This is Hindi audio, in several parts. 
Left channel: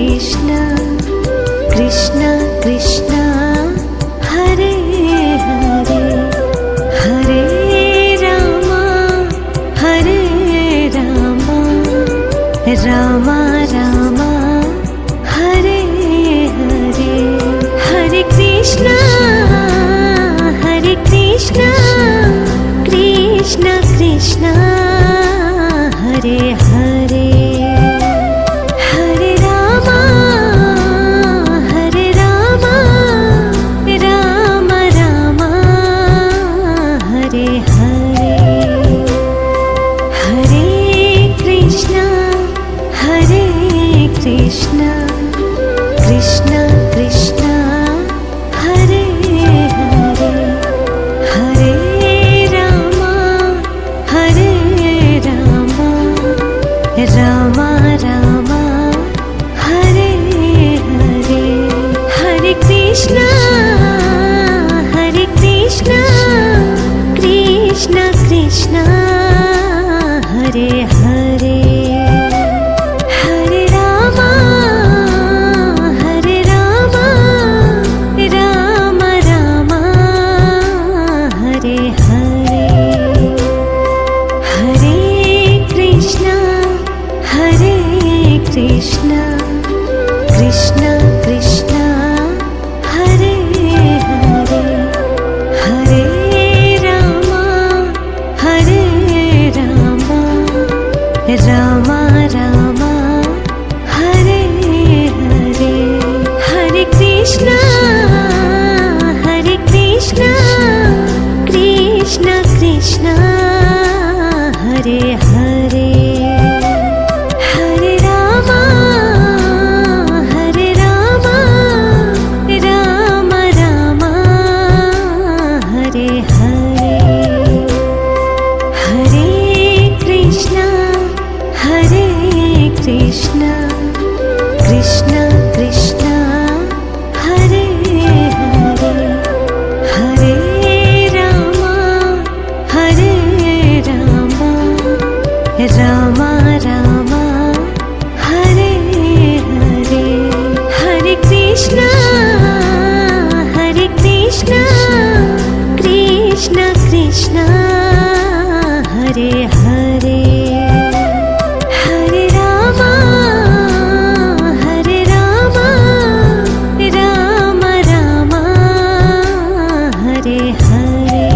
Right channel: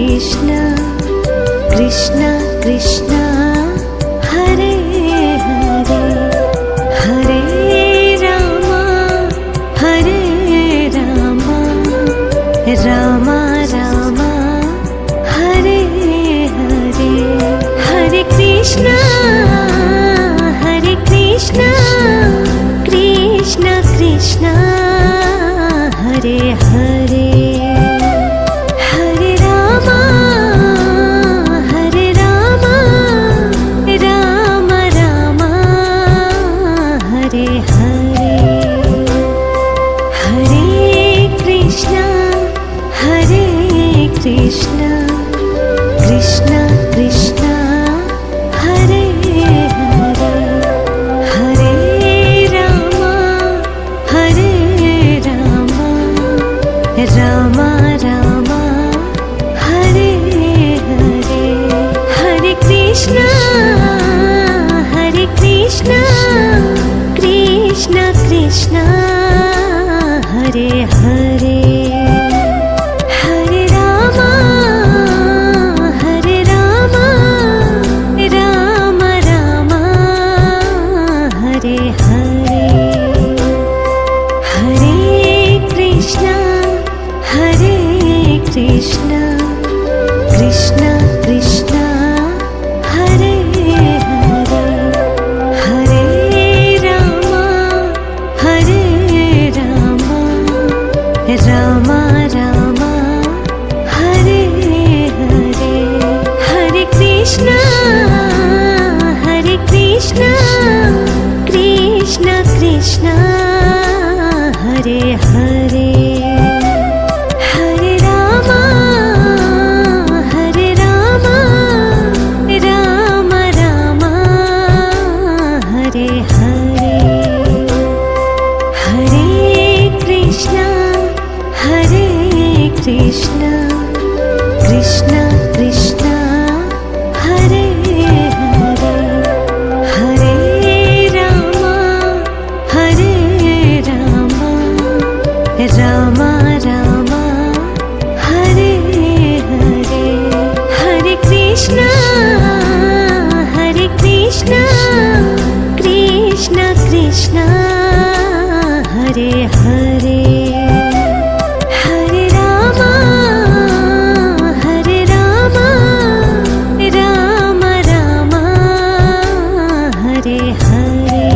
कृष्ण कृष्ण कृष्ण हरे हरे हरे रामा रामा रामा हरे हरे हरे कृष्ण कृष्ण कृष्ण हरे हरे हरे रामा राम राम हरे हरे हरे कृष्ण कृष्ण कृष्ण हरे हरे हरे रामा राम राम हरे हरे हरे कृष्ण कृष्ण कृष्ण हरे हरे हरे रामा राम राम हरे हरे हरे कृष्ण कृष्ण कृष्ण हरे हरे हरे रामा राम राम हरे हरे हरे कृष्ण कृष्ण कृष्ण हरे हरे हरे रामा राम राम हरे हरे हरे कृष्ण कृष्ण कृष्ण हरे हरे हरे रामा राम राम हरे हरे हरे कृष्ण कृष्ण कृष्ण हरे हरे हरे रामा राम राम हरे हरे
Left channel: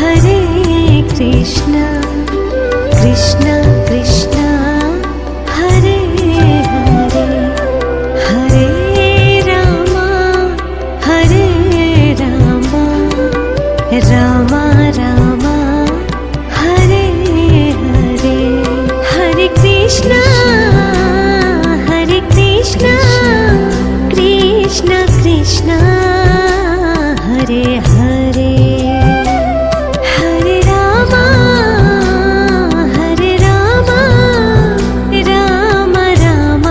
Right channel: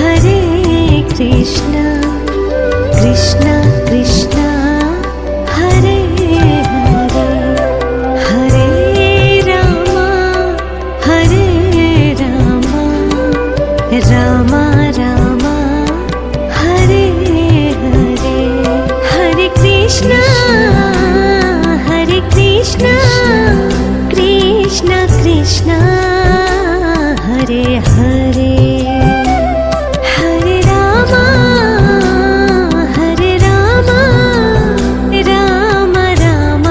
हरे कृष्ण कृष्ण कृष्ण हरे हरे हरे रामा राम राम हरे हरे हरे कृष्ण कृष्ण कृष्ण हरे हरे हरे रामा राम राम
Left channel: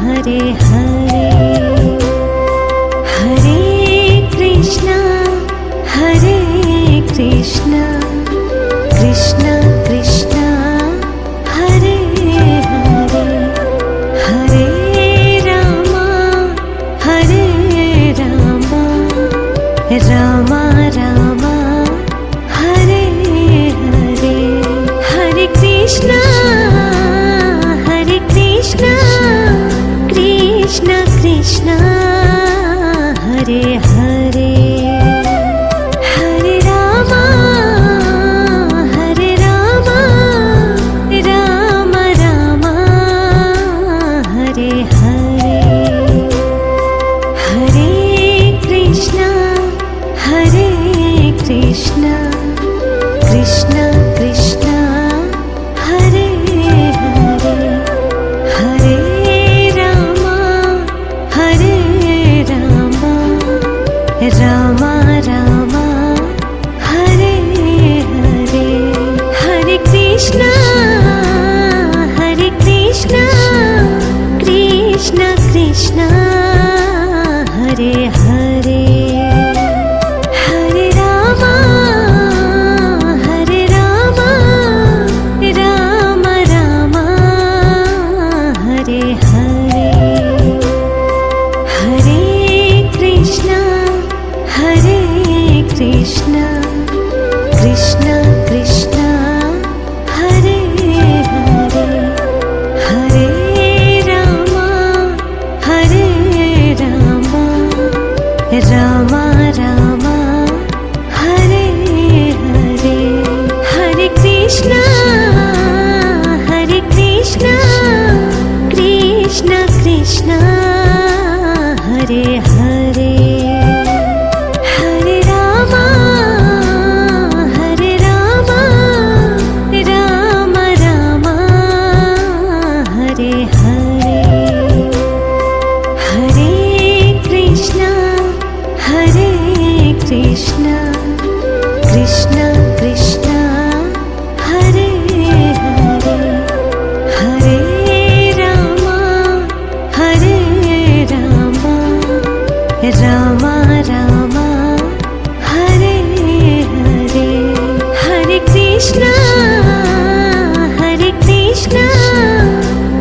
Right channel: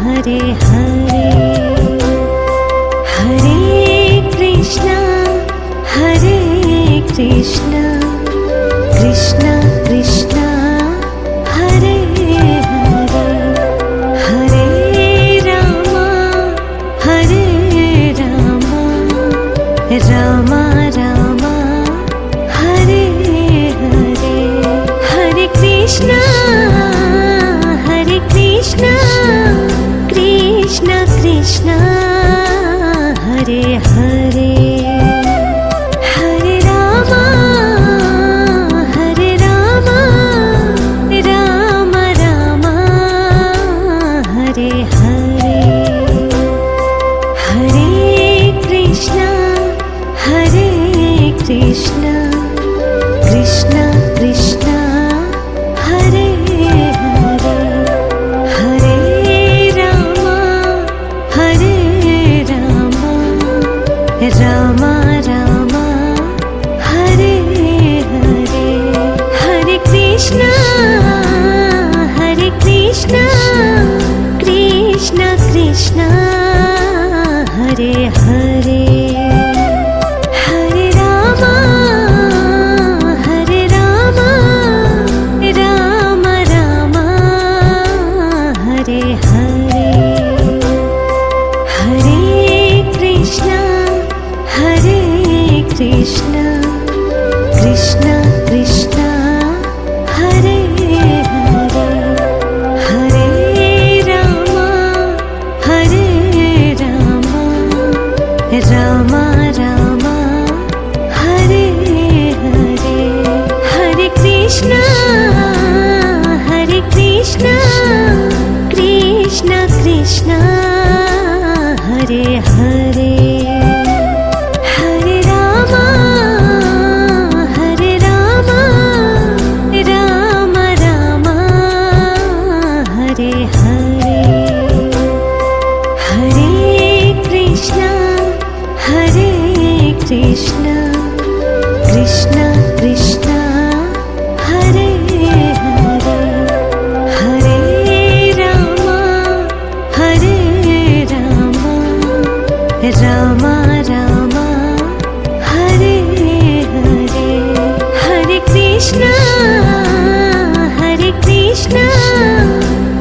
हरे हरे हरे कृष्ण कृष्ण कृष्ण हरे हरे हरे रामा राम राम हरे हरे हरे कृष्ण कृष्ण कृष्ण हरे हरे हरे रामा राम राम हरे हरे हरे कृष्ण कृष्ण कृष्ण हरे हरे हरे रामा राम राम हरे हरे हरे कृष्ण कृष्ण कृष्ण हरे हरे हरे रामा राम कृष्ण हरे हरे हरे राम राम राम हरे हरे हरे कृष्ण कृष्ण कृष्ण हरे हरे हरे राम राम राम हरे हरे हरे कृष्ण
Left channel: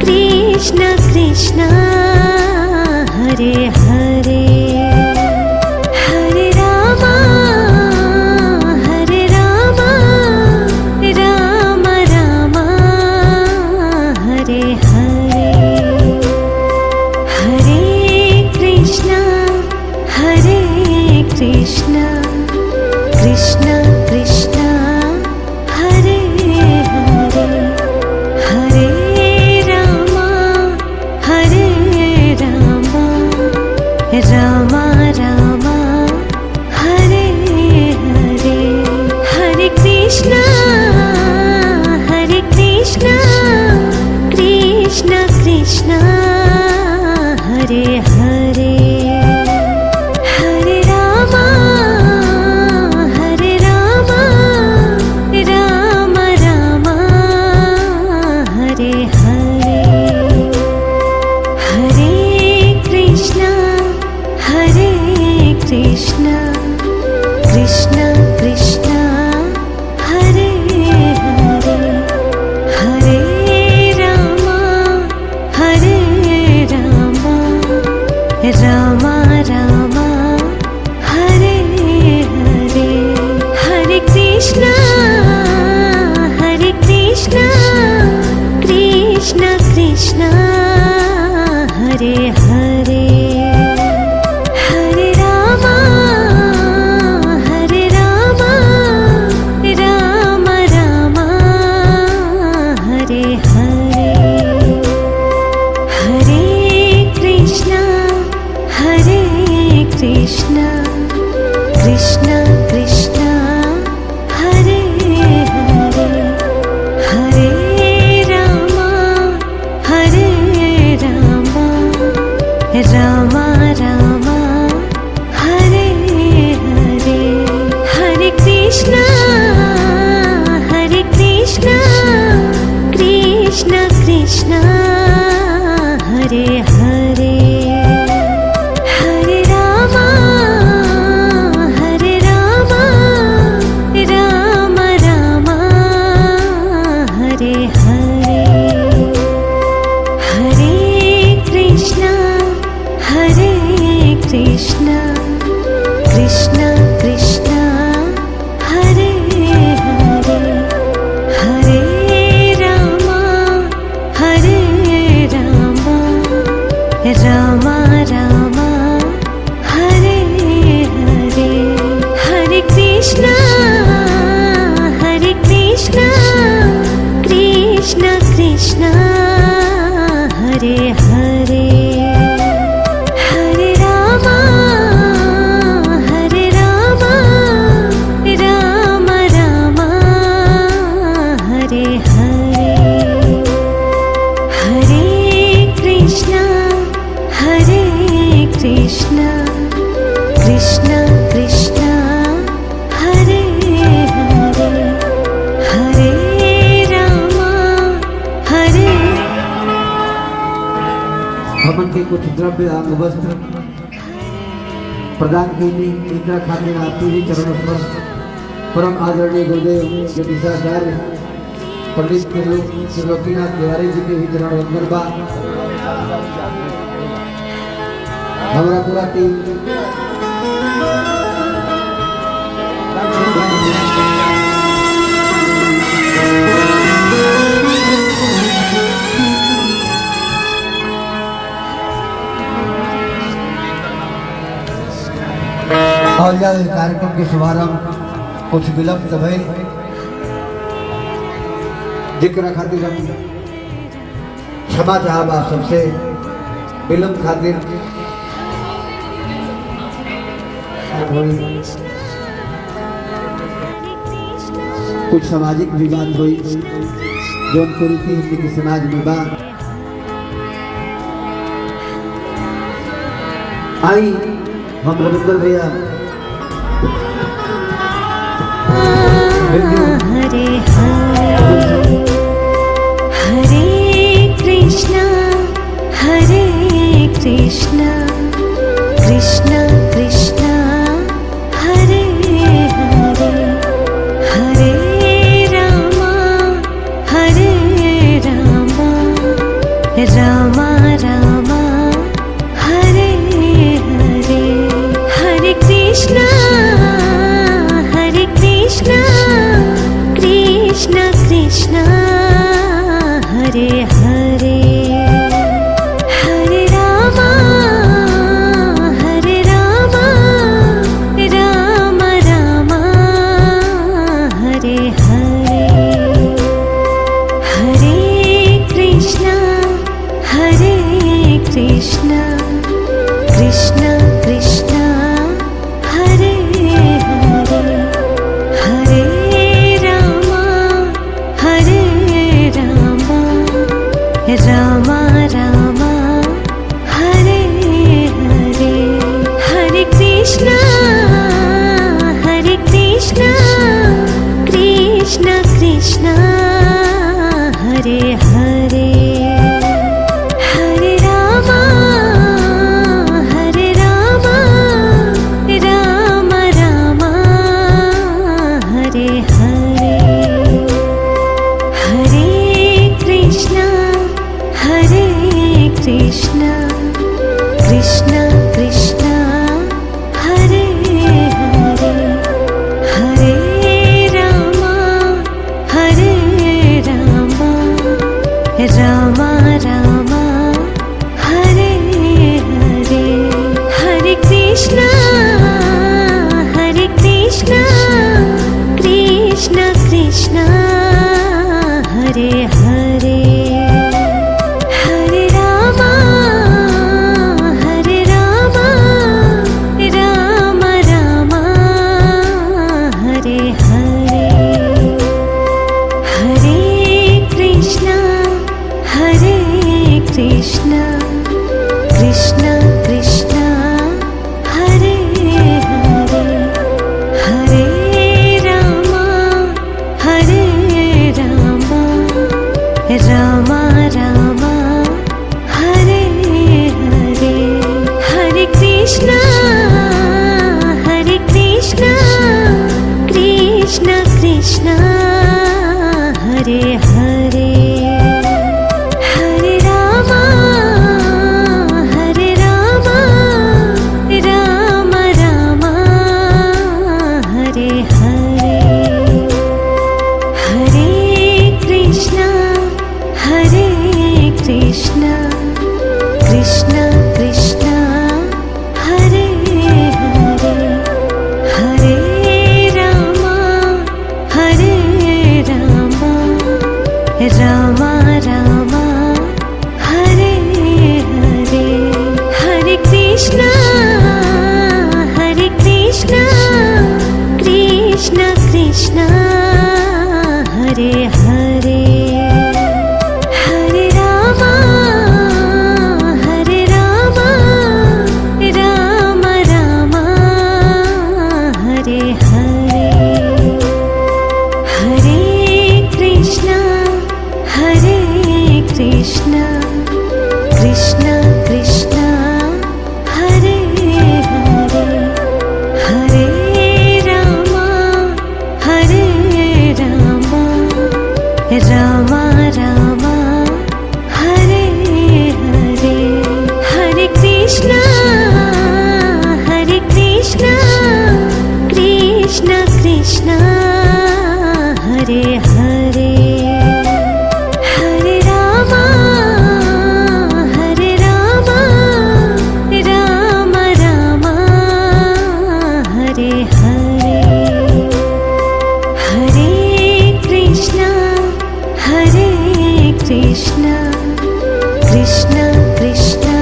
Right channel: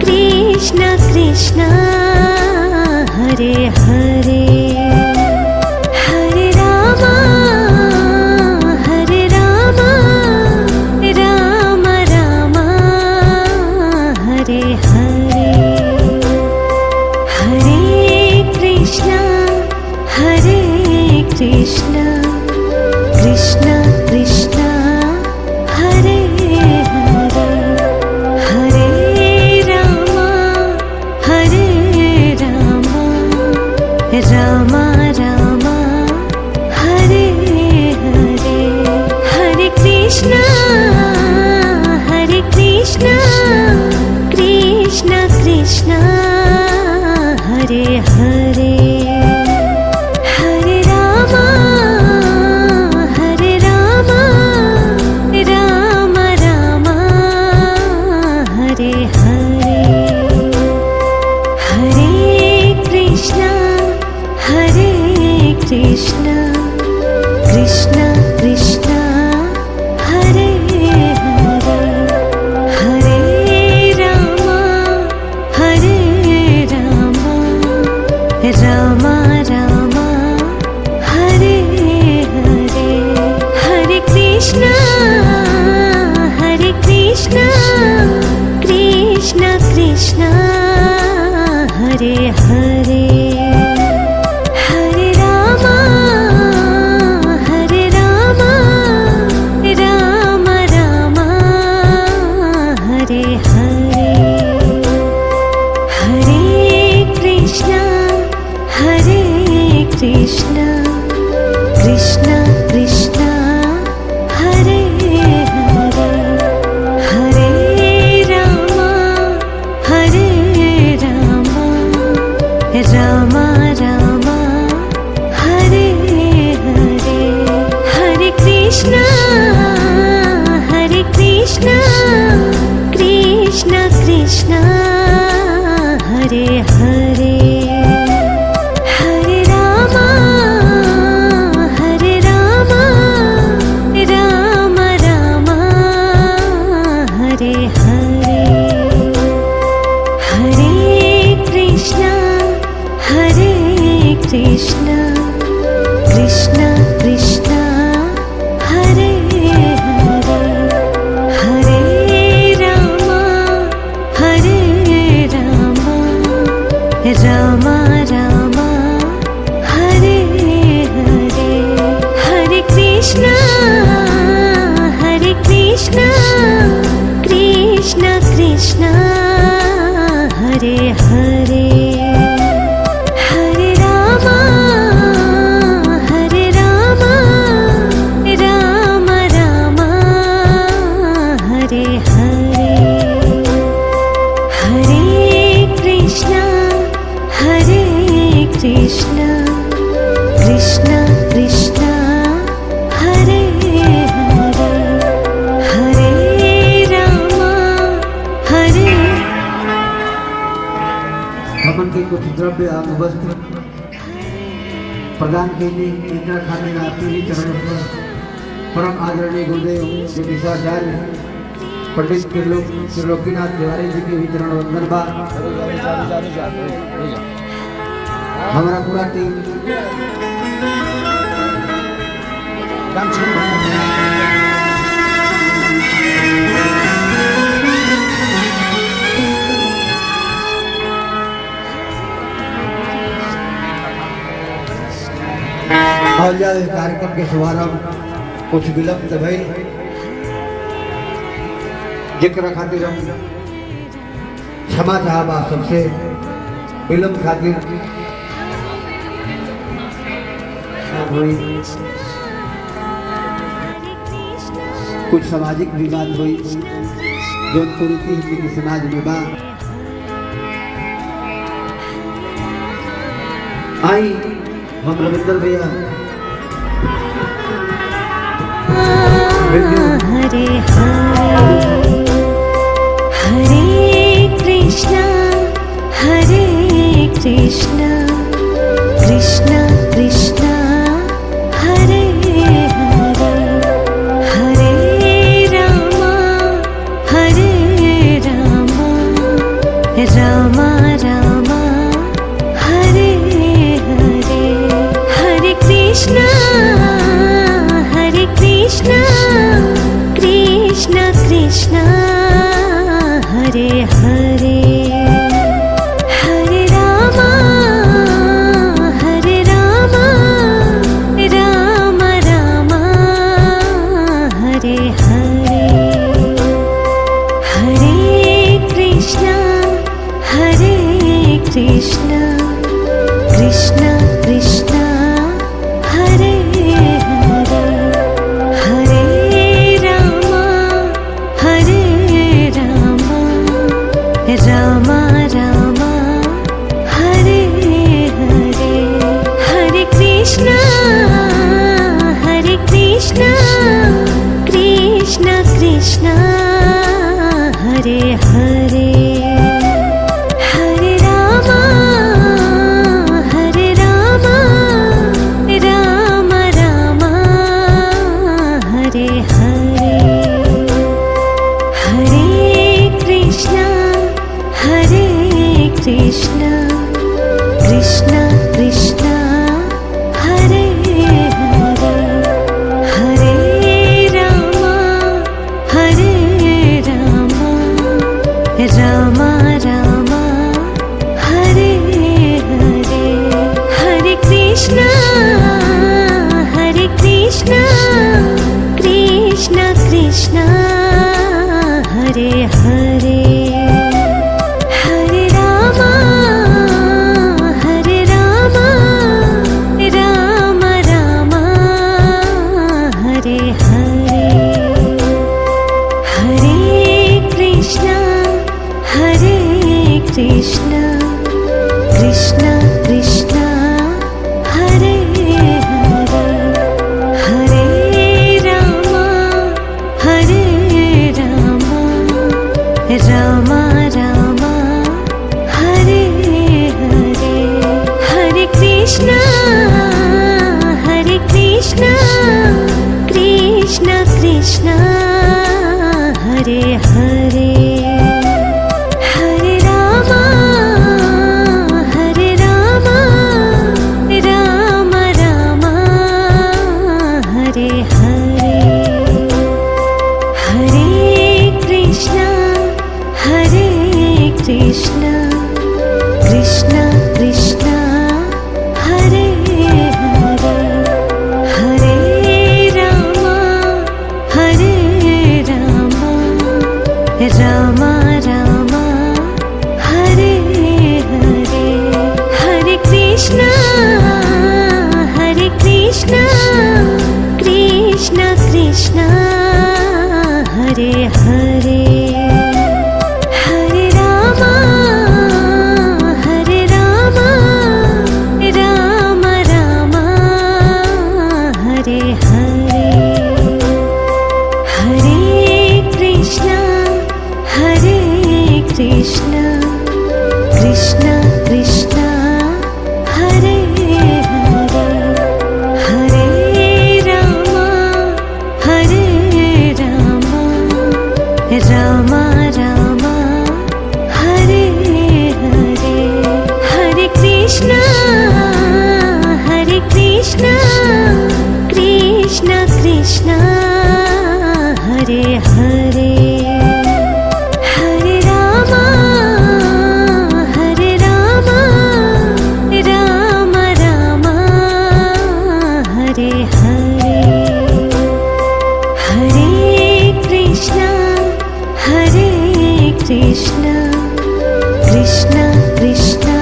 कृष्ण कृष्ण हरे हरे हरे राम राम राम हरे हरे हरे कृष्ण कृष्ण कृष्ण हरे हरे हरे राम राम राम हरे हरे हरे कृष्ण कृष्ण कृष्ण हरे हरे हरे राम राम राम हरे हरे हरे कृष्ण कृष्ण कृष्ण हरे हरे हरे राम राम राम हरे हरे हरे कृष्ण कृष्ण कृष्ण हरे हरे हरे राम राम राम हरे हरे हरे कृष्ण कृष्ण कृष्ण हरे हरे हरे राम राम राम हरे हरे हरे कृष्ण कृष्ण कृष्ण हरे हरे हरे राम राम राम हरे हरे हरे कृष्ण कृष्ण कृष्ण हरे हरे हरे राम राम राम हरे हरे हरे कृष्ण कृष्ण कृष्ण हरे हरे हरे राम राम राम हरे हरे हरे कृष्ण कृष्ण कृष्ण हरे हरे हरे राम अपन के कुछ द्रव्य आदि वस्त्र प्रदान कीजिए। इंदिरा खाने आपके ही चरणों पर परम आदरणीय गुरुदेव ज्योतिषाचार्य पंडित त्रिलोकीनाथ तिवारी जी के भी चरणों में हमारा पूरा टीम और कार्यक्रम के शुभारंभ कुछ विलंब भई जिक्र खातिर हम क्षमा चाहब आप सबसे। फिल्म खातिर हुई कुछ सामाजिक विवाद हुई जो कुरीति हिंदी की समाज में बा आई हम रविंद्र भैया हरे हरे हरे कृष्णा कृष्णा कृष्णा हरे हरे हरे रामा रामा रामा हरे हरे हरे कृष्णा कृष्णा कृष्णा हरे हरे हरे रामा राम रामा हरे हरे हरे कृष्णा कृष्णा कृष्णा हरे हरे हरे रामा रामा रामा हरे हरे हरे कृष्णा कृष्णा हरे हरे हरे रामा राम रामा हरे हरे हरे कृष्णा कृष्णा कृष्णा हरे हरे हरे रामा रामा रामा हरे हरे हरे कृष्णा कृष्णा हरे हरे हरे रामा राम रामा हरे हरे हरे कृष्णा कृष्णा कृष्णा हरे हरे हरे रामा रामा रामा हरे हरे हरे कृष्णा कृष्णा हरे हरे हरे रामा राम रामा हरे हरे हरे कृष्णा कृष्णा कृष्णा हरे हरे हरे रामा रामा रामा हरे हरे हरे कृष्णा कृष्णा हरे हरे हरे रामा राम रामा हरे हरे हरे कृष्णा कृष्णा कृष्णा हरे हरे हरे रामा रामा रामा हरे हरे हरे कृष्णा कृष्णा हरे हरे हरे रामा राम रामा हरे हरे हरे कृष्णा कृष्णा कृष्णा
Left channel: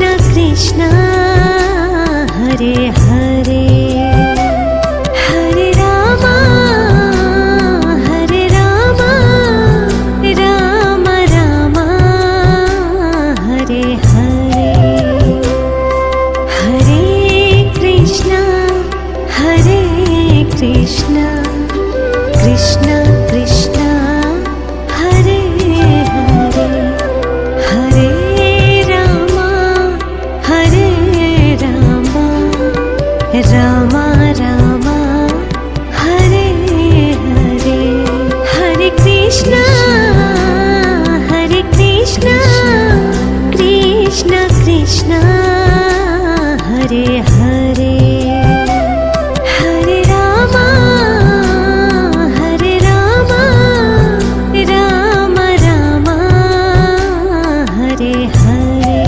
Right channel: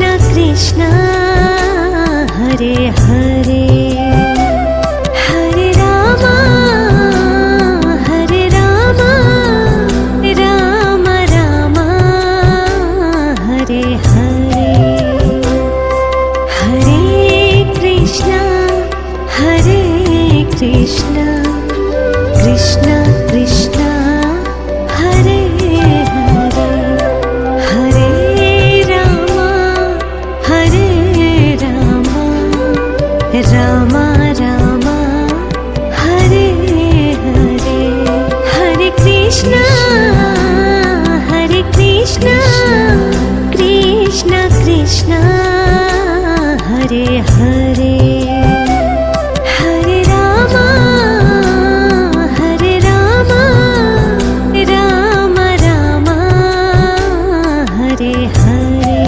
कृष्ण कृष्ण हरे हरे हरे राम राम राम हरे हरे हरे कृष्ण कृष्ण कृष्ण हरे हरे हरे राम राम राम हरे हरे हरे कृष्ण कृष्ण कृष्ण हरे हरे हरे राम राम राम हरे हरे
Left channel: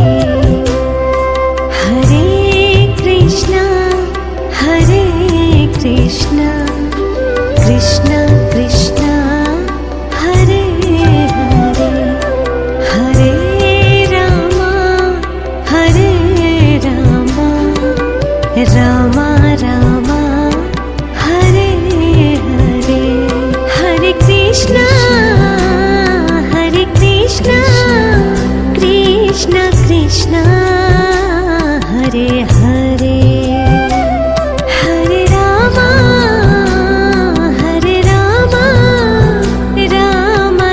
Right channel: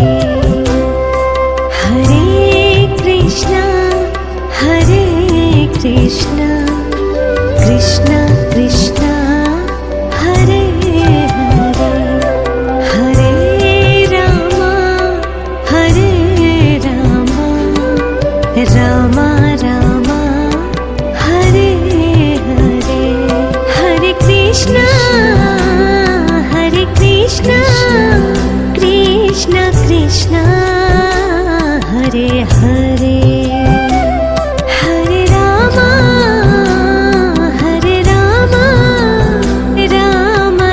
हरे कृष्ण कृष्ण कृष्ण हरे हरे हरे राम राम राम हरे हरे हरे कृष्ण कृष्ण कृष्ण हरे हरे हरे राम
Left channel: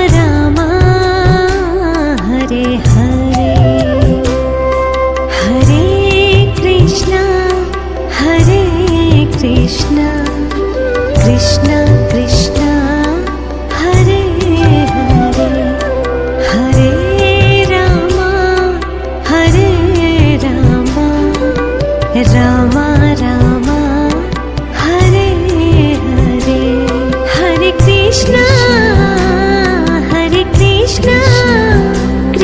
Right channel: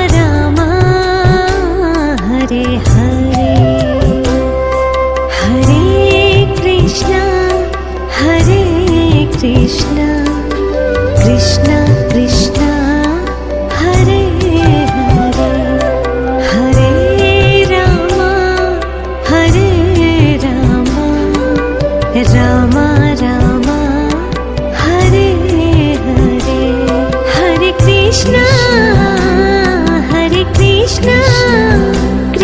राम राम हरे हरे हरे कृष्ण कृष्ण कृष्ण हरे हरे हरे राम राम राम हरे हरे हरे कृष्ण कृष्ण कृष्ण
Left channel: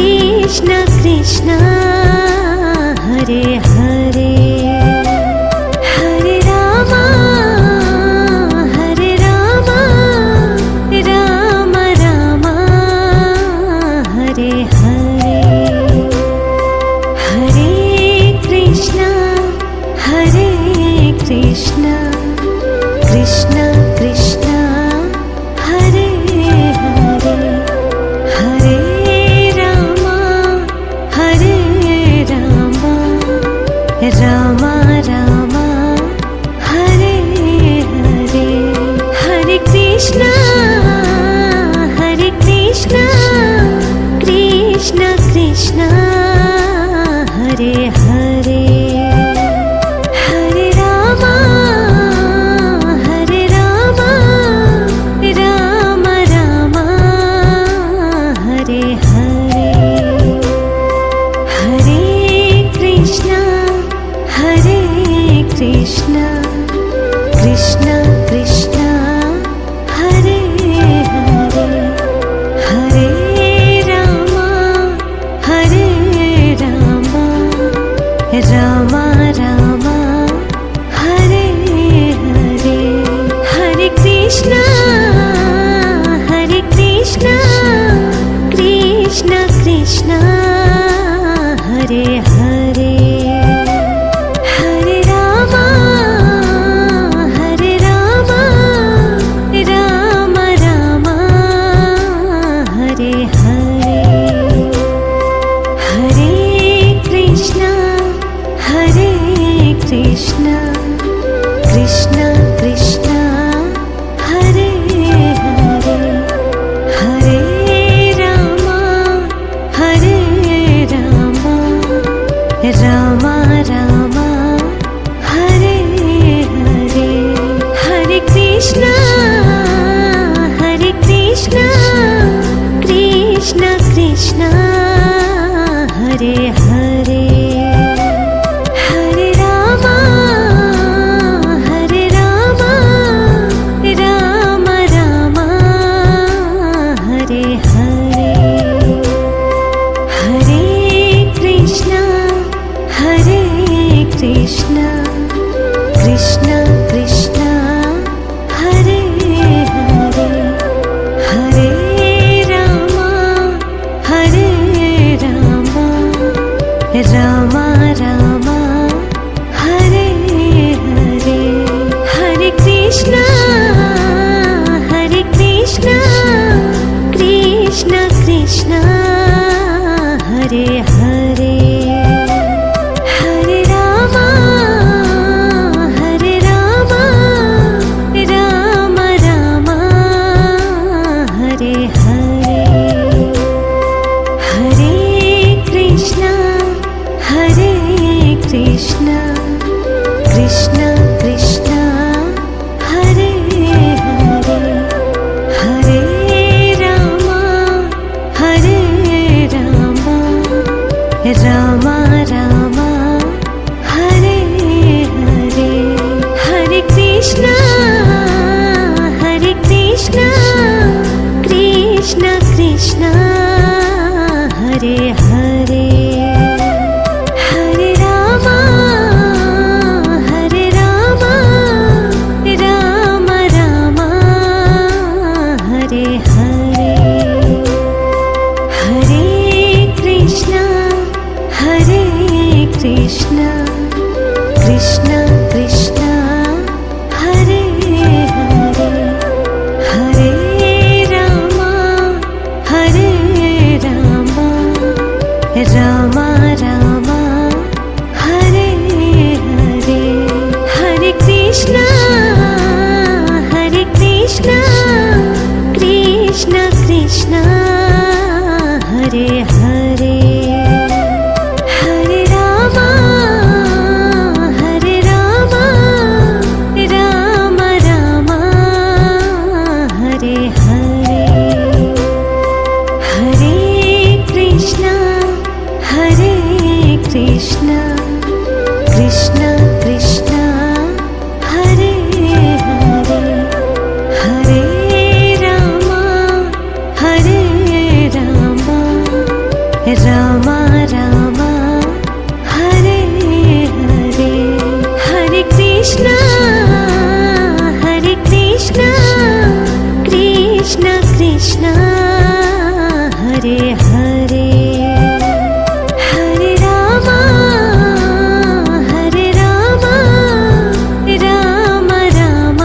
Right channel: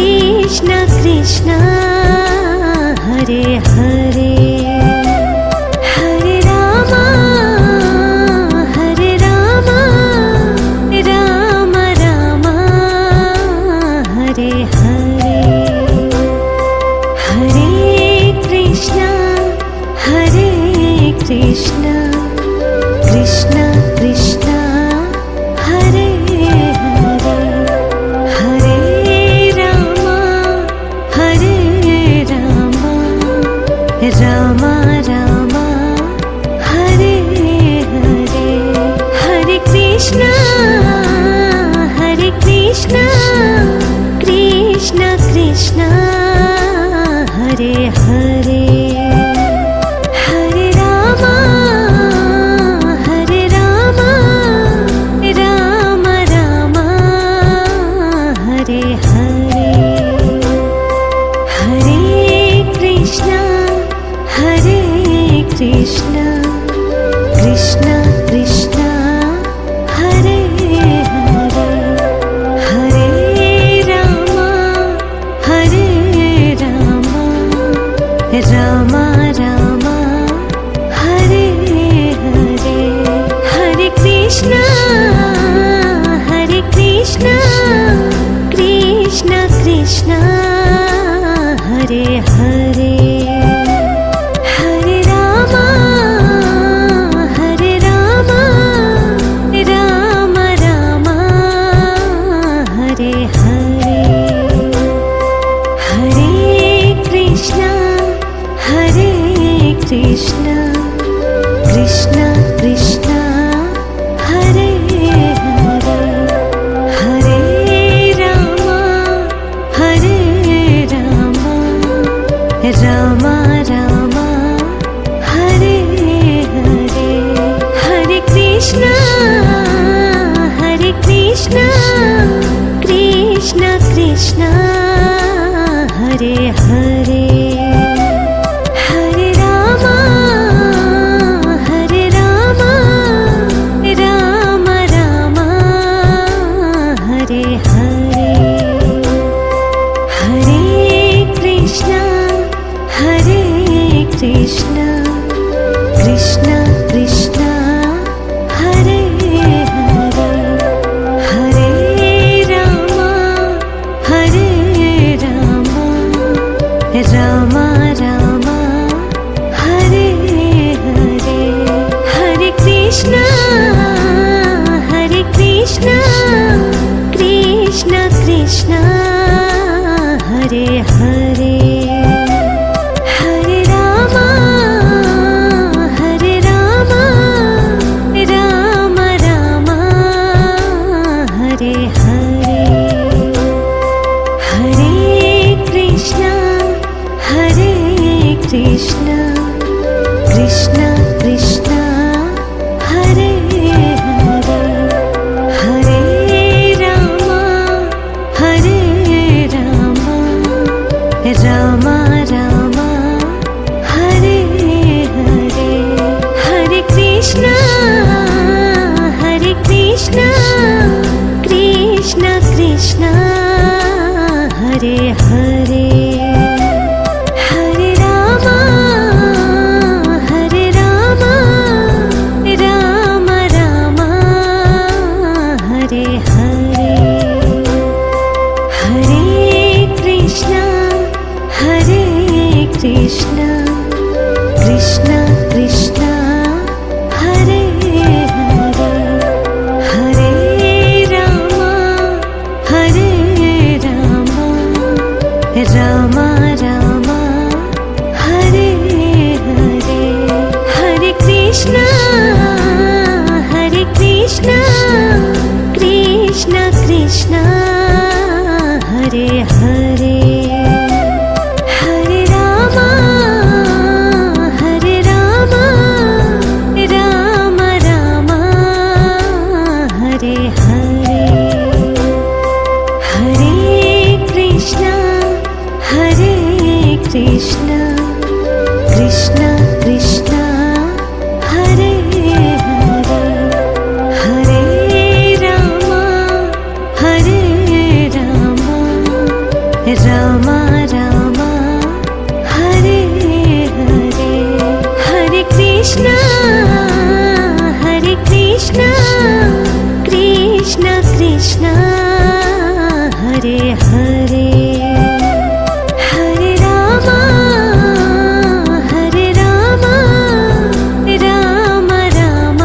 हरे हरे हरे राम राम राम हरे हरे हरे कृष्ण कृष्ण कृष्ण हरे हरे हरे राम राम राम हरे हरे हरे कृष्ण कृष्ण कृष्ण हरे हरे हरे राम राम राम हरे हरे हरे कृष्ण कृष्ण कृष्ण हरे हरे हरे राम राम राम हरे हरे हरे कृष्ण कृष्ण कृष्ण हरे हरे हरे राम राम राम हरे हरे हरे कृष्ण कृष्ण कृष्ण हरे हरे हरे राम राम राम हरे हरे हरे कृष्ण कृष्ण कृष्ण हरे हरे हरे राम राम राम हरे हरे हरे कृष्ण कृष्ण कृष्ण हरे हरे हरे राम राम कृष्ण कृष्ण कृष्ण हरे हरे हरे राम राम राम हरे हरे हरे कृष्ण कृष्ण कृष्ण हरे हरे हरे राम राम राम हरे हरे हरे कृष्ण कृष्ण कृष्ण हरे हरे हरे राम राम राम हरे हरे हरे कृष्ण कृष्ण कृष्ण हरे हरे हरे राम राम राम हरे हरे हरे कृष्ण कृष्ण कृष्ण हरे हरे हरे राम राम राम हरे हरे हरे कृष्ण कृष्ण कृष्ण हरे हरे हरे राम राम राम हरे हरे हरे कृष्ण कृष्ण हरे हरे हरे राम राम राम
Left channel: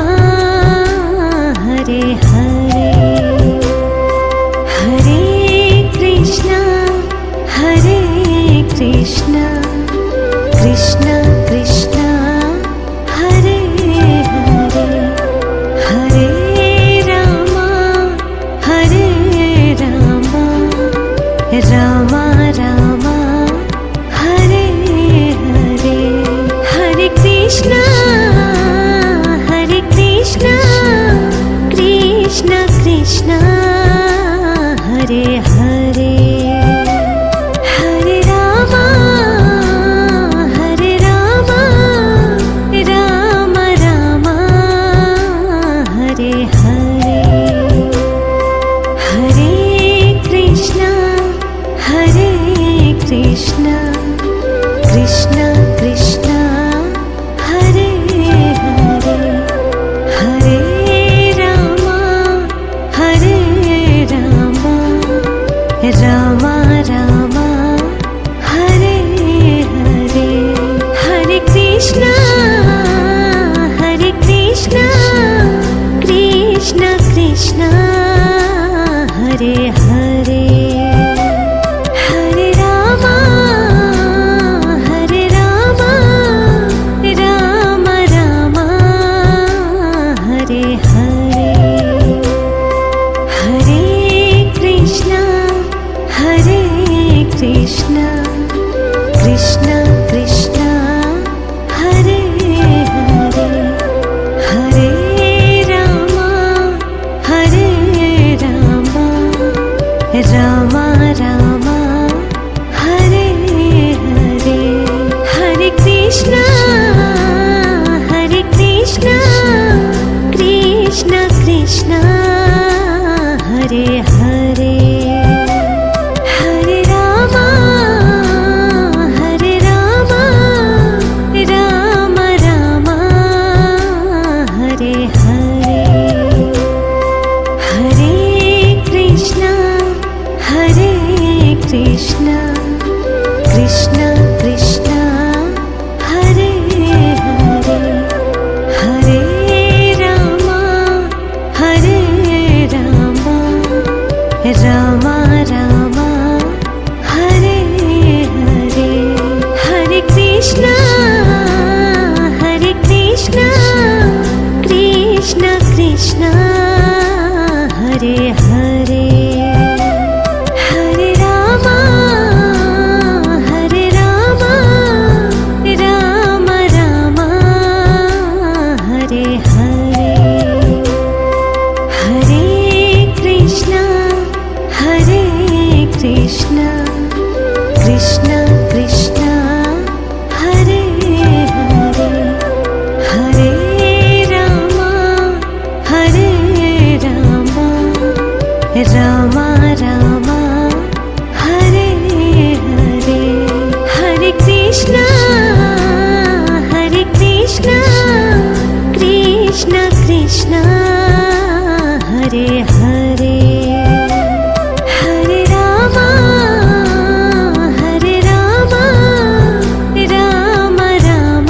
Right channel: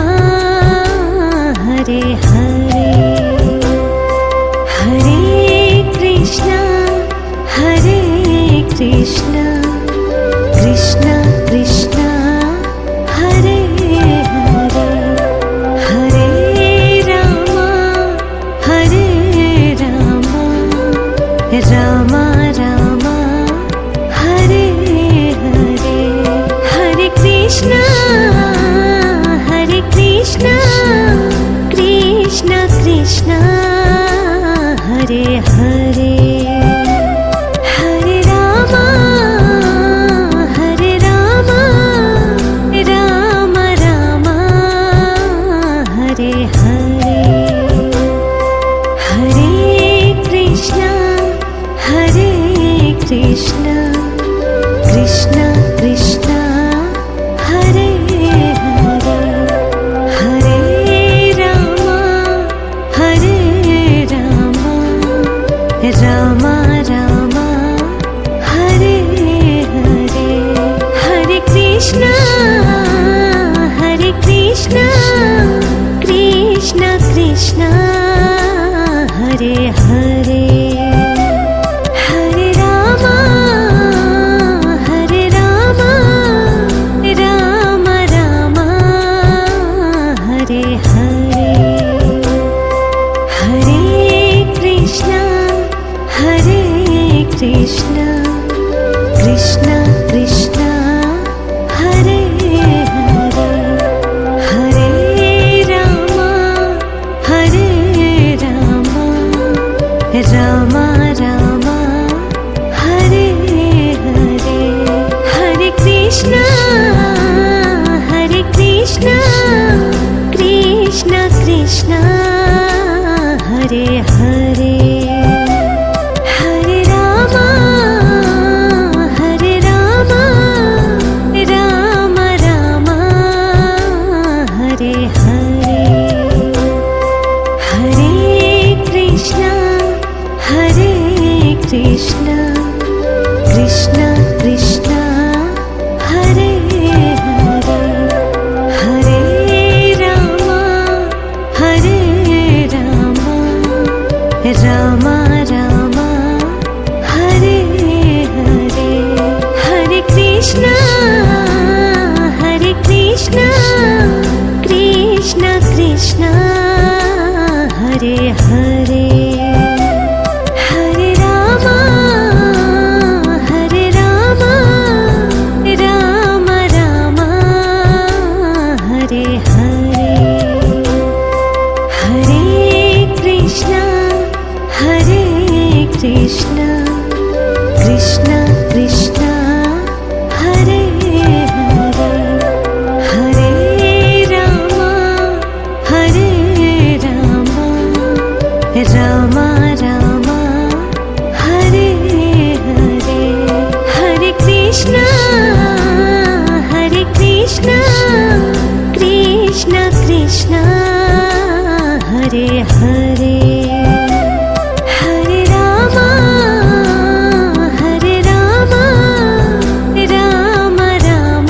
हरे हरे हरे कृष्ण कृष्ण हरे हरे हरे राम राम राम हरे हरे हरे कृष्ण कृष्ण हरे हरे हरे राम राम राम हरे हरे हरे कृष्ण कृष्ण हरे हरे हरे राम राम राम हरे हरे हरे कृष्ण कृष्ण हरे हरे हरे राम राम राम हरे हरे हरे कृष्ण कृष्ण हरे हरे हरे राम राम राम हरे हरे हरे कृष्ण कृष्ण हरे हरे हरे राम राम राम हरे हरे हरे कृष्ण कृष्ण हरे हरे हरे राम हरे राम राम राम हरे हरे हरे कृष्णा कृष्ण कृष्ण हरे हरे हरे राम राम राम हरे हरे हरे कृष्ण कृष्ण कृष्ण हरे हरे हरे राम राम राम हरे हरे हरे कृष्ण कृष्ण कृष्ण हरे हरे हरे राम राम राम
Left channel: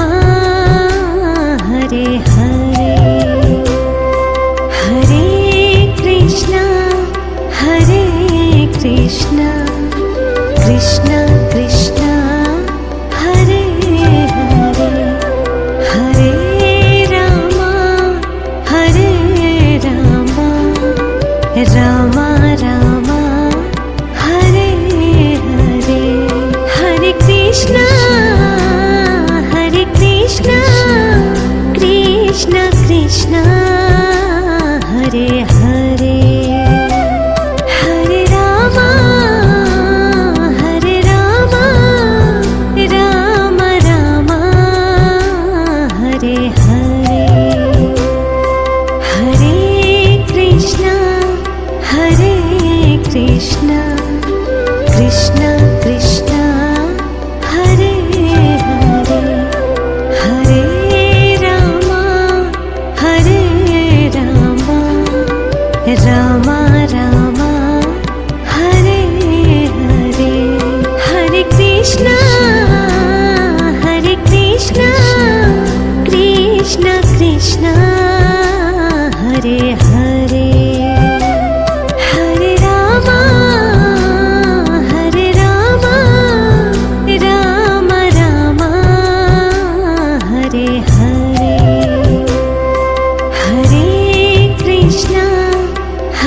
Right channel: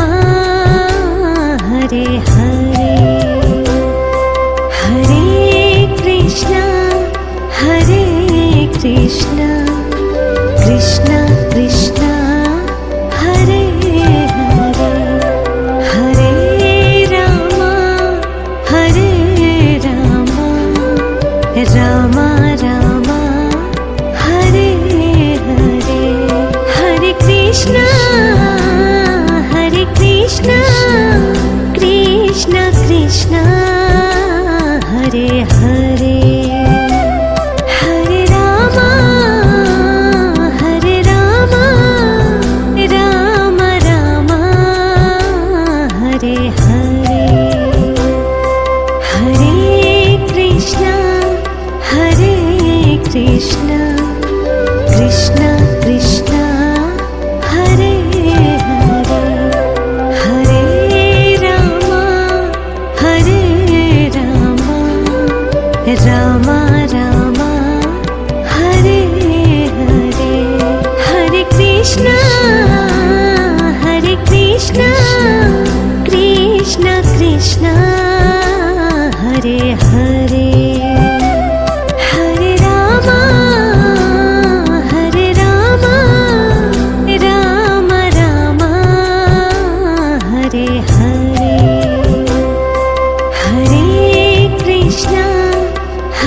हरे हरे हरे कृष्ण कृष्ण कृष्ण हरे हरे हरे राम राम राम हरे हरे हरे कृष्ण कृष्ण कृष्ण हरे हरे हरे राम राम राम हरे हरे हरे कृष्ण कृष्ण कृष्ण हरे हरे हरे राम राम राम हरे हरे हरे कृष्ण कृष्ण कृष्ण हरे हरे हरे राम राम राम हरे हरे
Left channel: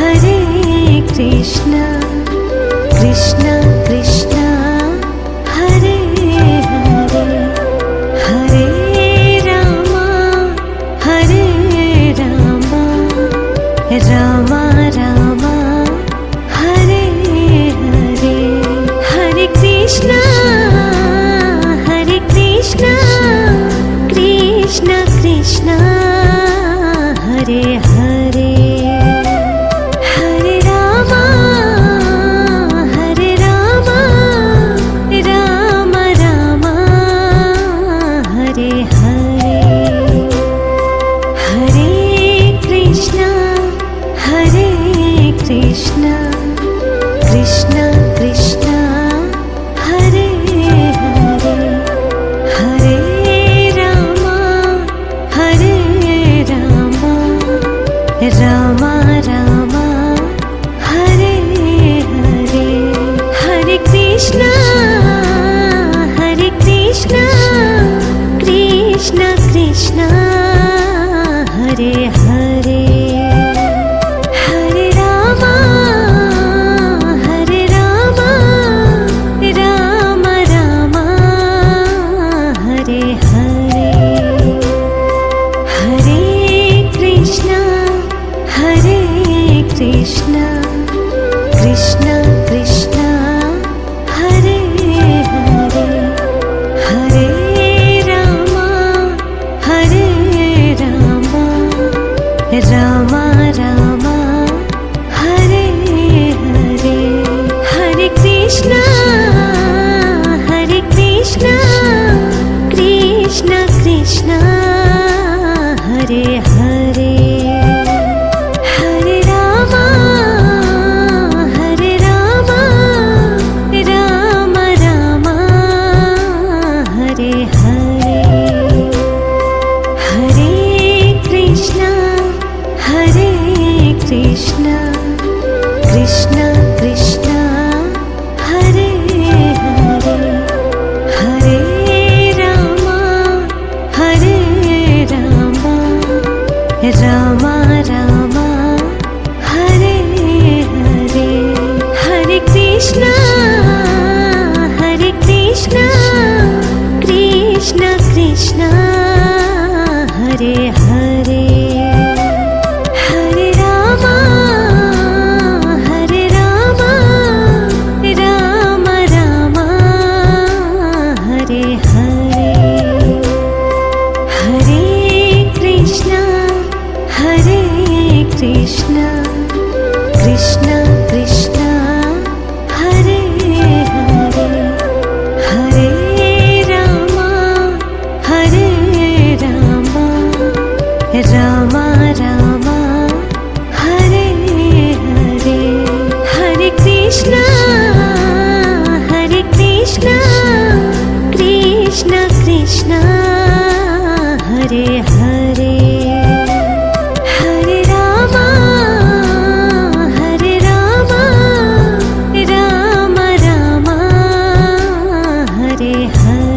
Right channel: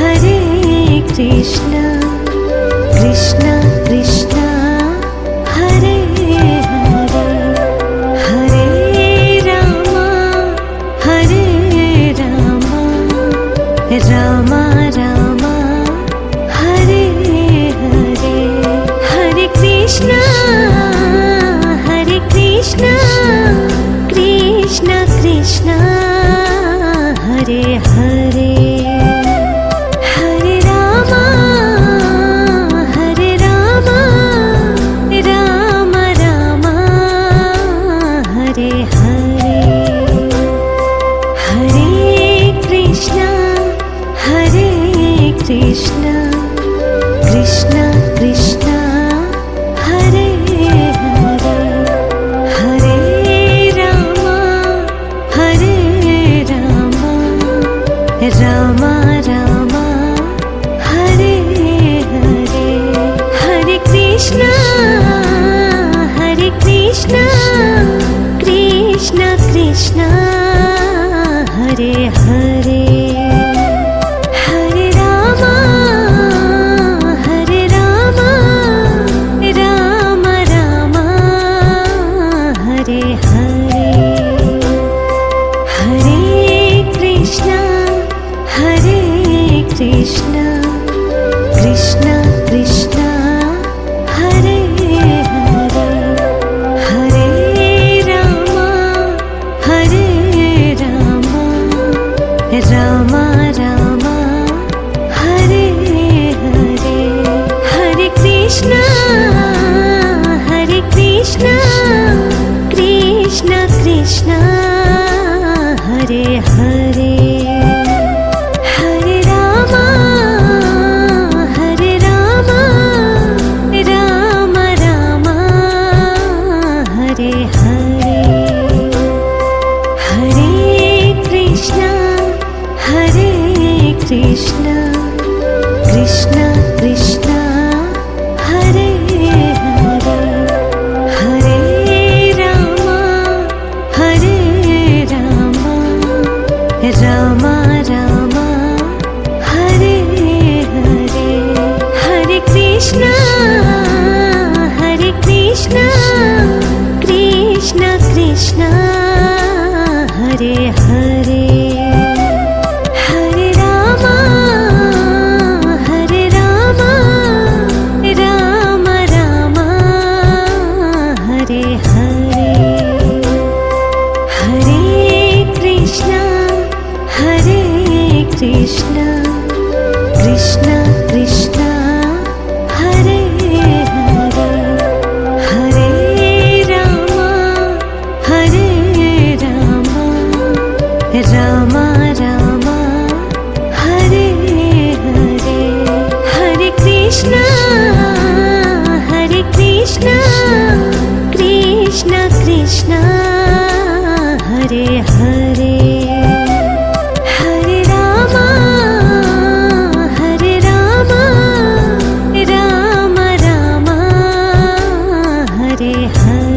हरे कृष्ण कृष्ण कृष्ण हरे हरे हरे राम राम राम हरे हरे हरे कृष्ण कृष्ण कृष्ण हरे हरे हरे राम राम राम हरे हरे हरे कृष्ण कृष्ण कृष्ण हरे हरे हरे राम राम राम हरे हरे हरे कृष्ण कृष्ण कृष्ण हरे हरे हरे राम राम राम हरे हरे हरे कृष्ण कृष्ण कृष्ण हरे हरे हरे राम राम राम हरे हरे हरे कृष्ण कृष्ण कृष्ण हरे हरे हरे राम राम राम हरे हरे हरे कृष्ण कृष्ण कृष्ण कृष्ण हरे हरे हरे राम राम राम हरे हरे हरे कृष्ण कृष्ण कृष्ण हरे हरे हरे राम राम राम हरे हरे हरे कृष्ण कृष्ण कृष्ण हरे हरे हरे राम राम राम हरे हरे हरे कृष्ण कृष्ण कृष्ण हरे हरे हरे राम राम राम हरे हरे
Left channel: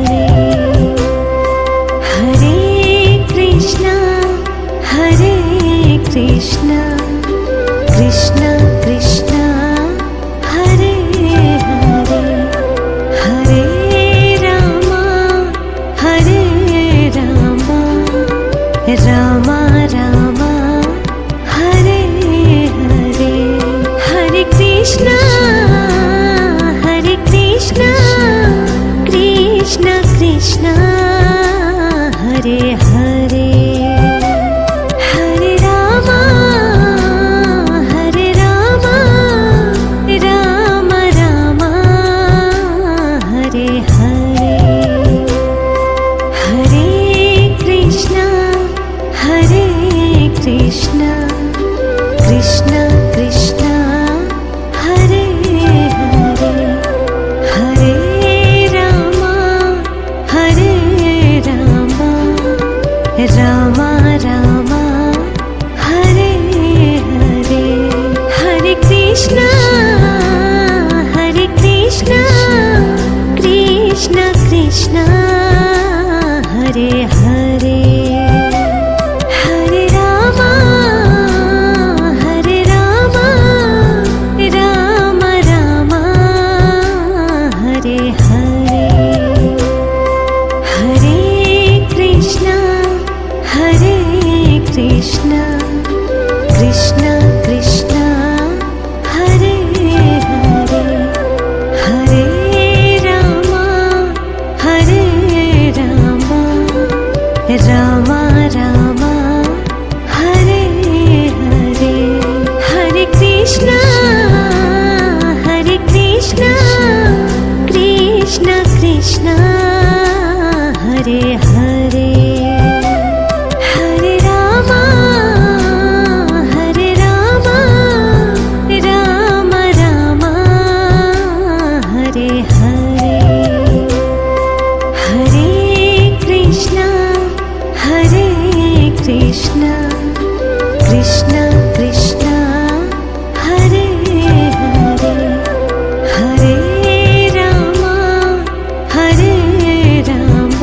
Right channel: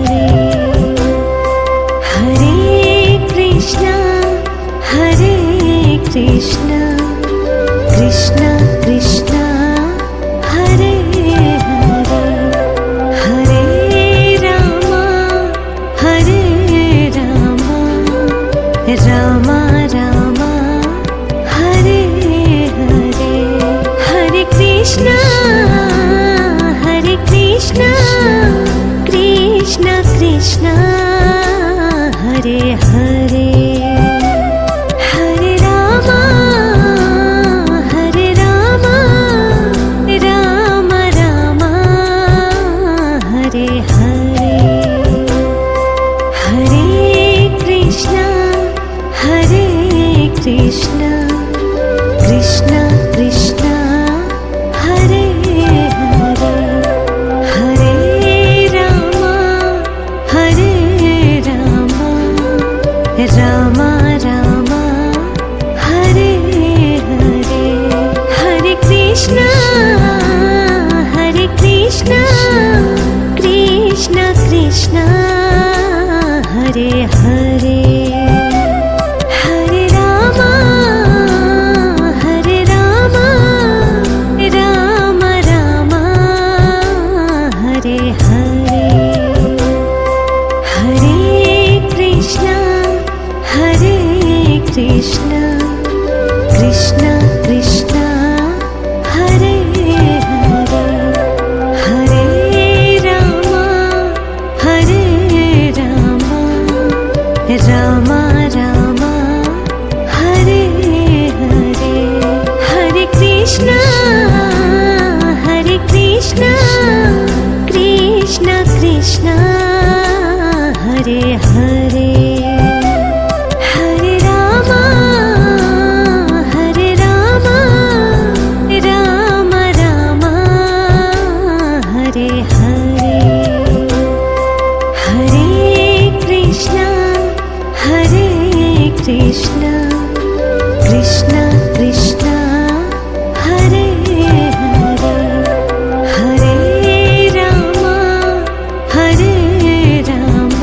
हरे कृष्ण कृष्ण कृष्ण हरे हरे हरे राम राम राम हरे हरे हरे कृष्ण कृष्ण कृष्ण हरे हरे हरे राम राम राम हरे हरे हरे कृष्ण कृष्ण कृष्ण हरे हरे हरे राम राम राम हरे हरे हरे कृष्ण कृष्ण कृष्ण हरे हरे हरे राम राम राम हरे हरे हरे कृष्ण कृष्ण कृष्ण हरे हरे हरे राम राम राम हरे हरे हरे कृष्ण कृष्ण हरे हरे हरे राम राम राम हरे हरे हरे कृष्ण कृष्ण हरे हरे हरे राम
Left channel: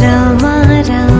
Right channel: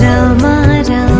राम राम